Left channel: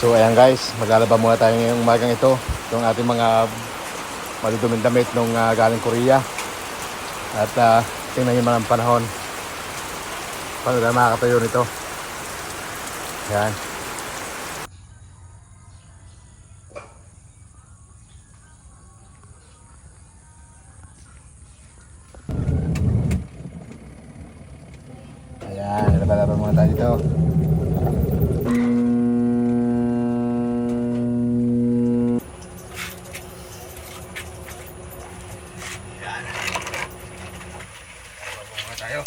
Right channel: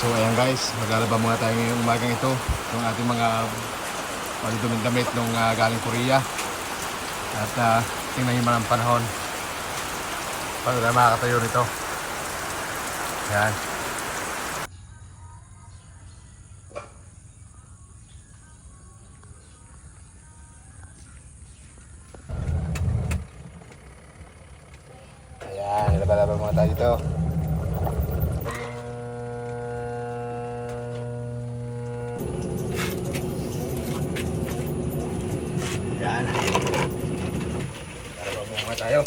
So ayan guys, maglalaba muna tayo ngayong umagang ito yung ating mga maliduming damit nung galing Korea. At tingnan nyo mga panahon paano na makakatayo nito. Ayan. Tayo.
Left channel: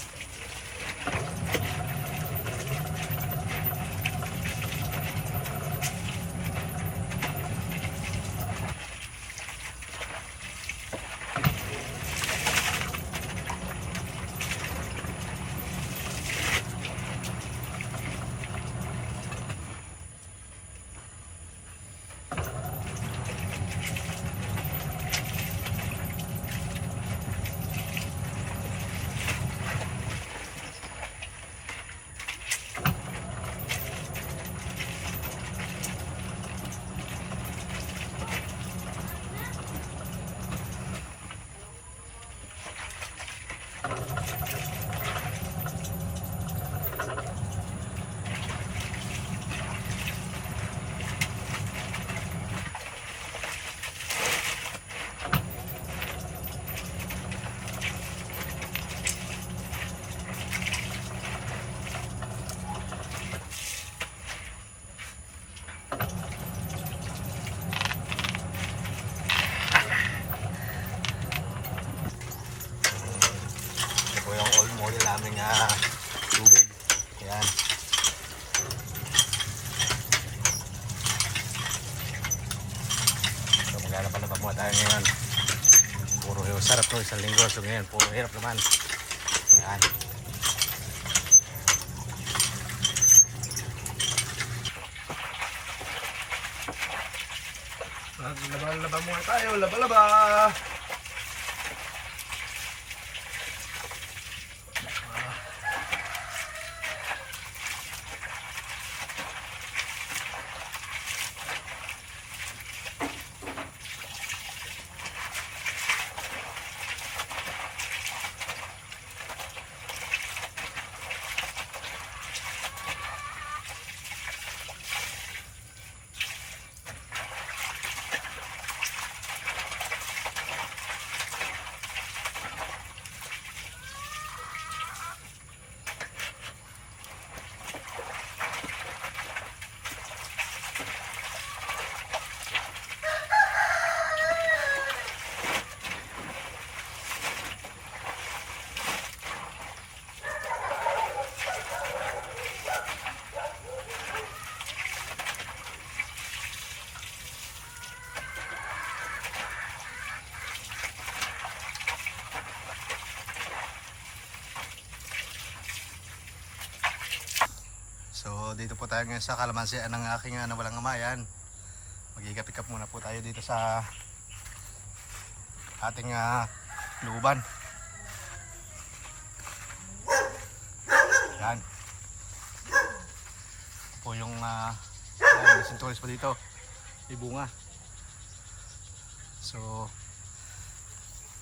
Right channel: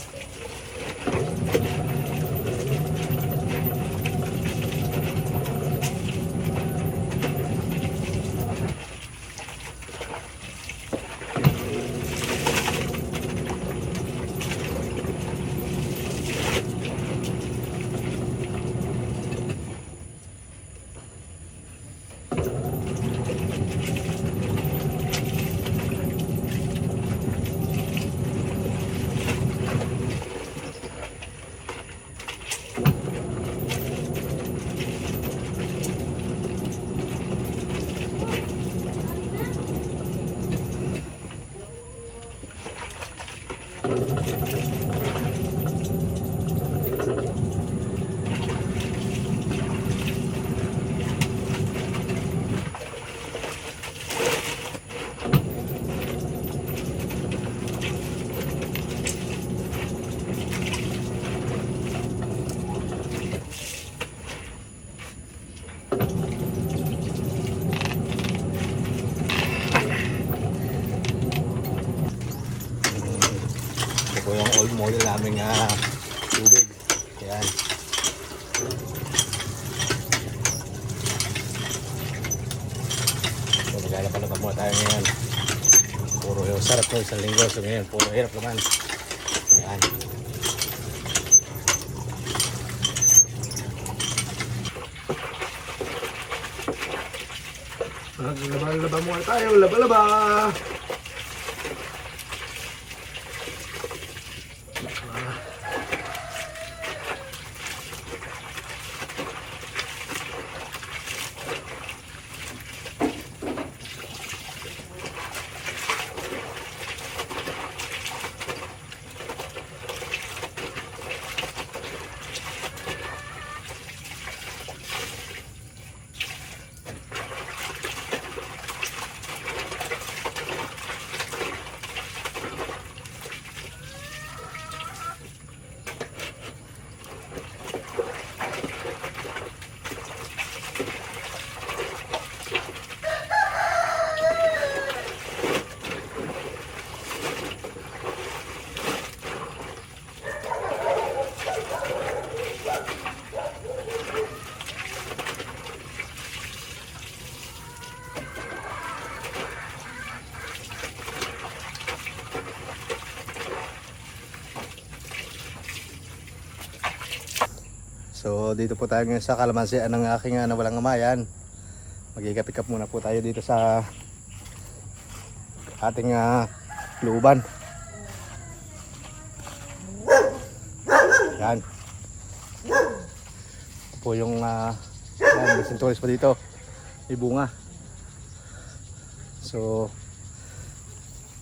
Ito po yung old model naming tubig. Ayan. So maglalaba-laba muna tayo ngayon. Puro sarap to isang linggo. So ngayon puro hirap naman. Ayan. Laba-laba muna tayo. Laba-laba. So dito po tayo ngayon sa kalamansian ng aking nawalang amayan. Mag-pick up muna po tayo dito sa ating luban. Yan. Ito po yung may sinturis pa dito. May bunga. So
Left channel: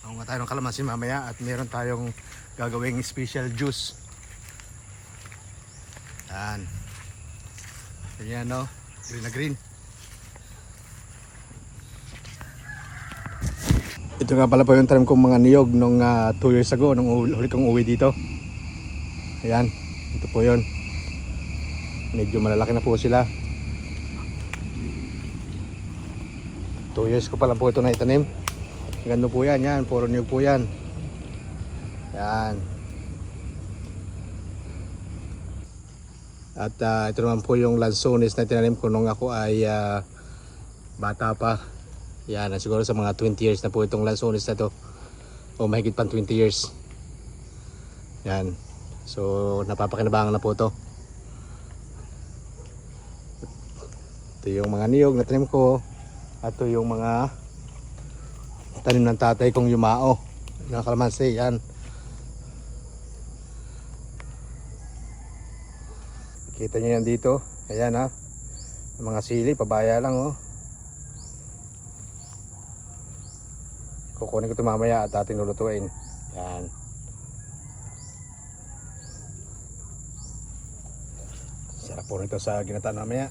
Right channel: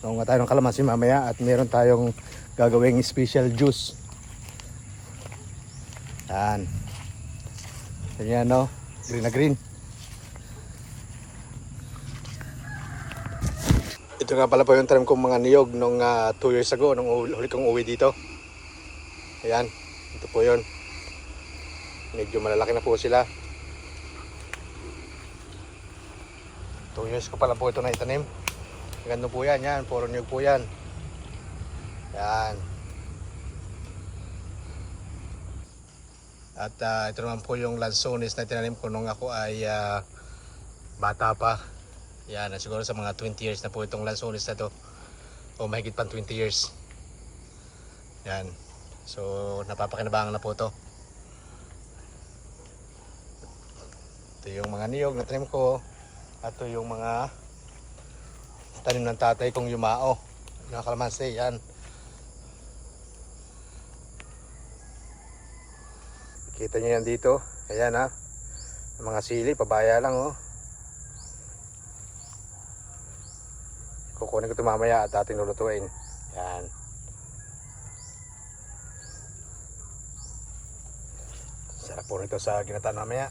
nga tayo ng kalamansi mamaya at meron tayong gagawing special juice. Yan. Ganyan no, green na green. Ito nga pala po yung tanim kong mga niyog nung 2 years ago nung huli kong uwi dito. Yan, ito po yun. Medyo malalaki na po sila. 2 years ko pa lang po ito na itanim. Ganda po yan, yan, puro niyog po yan. Yan. At ito naman po yung lansones na tinanim ko nung ako ay bata pa. Yan, siguro sa mga 20 years na po itong lansones na to. O mahigit pang 20 years. Yan. So napapakinabangan na po to. Ito yung mga niyog na tanim ko. At ito yung mga tanim ng tatay kong yumao. Yung kalamansi, yan. Kita nyo yan dito. Ayan ha. Mga sili, pabaya lang oh. Kukunin ko ito mamaya at atin lulutuin. Yan. Sarap po nito sa ginataan mamaya.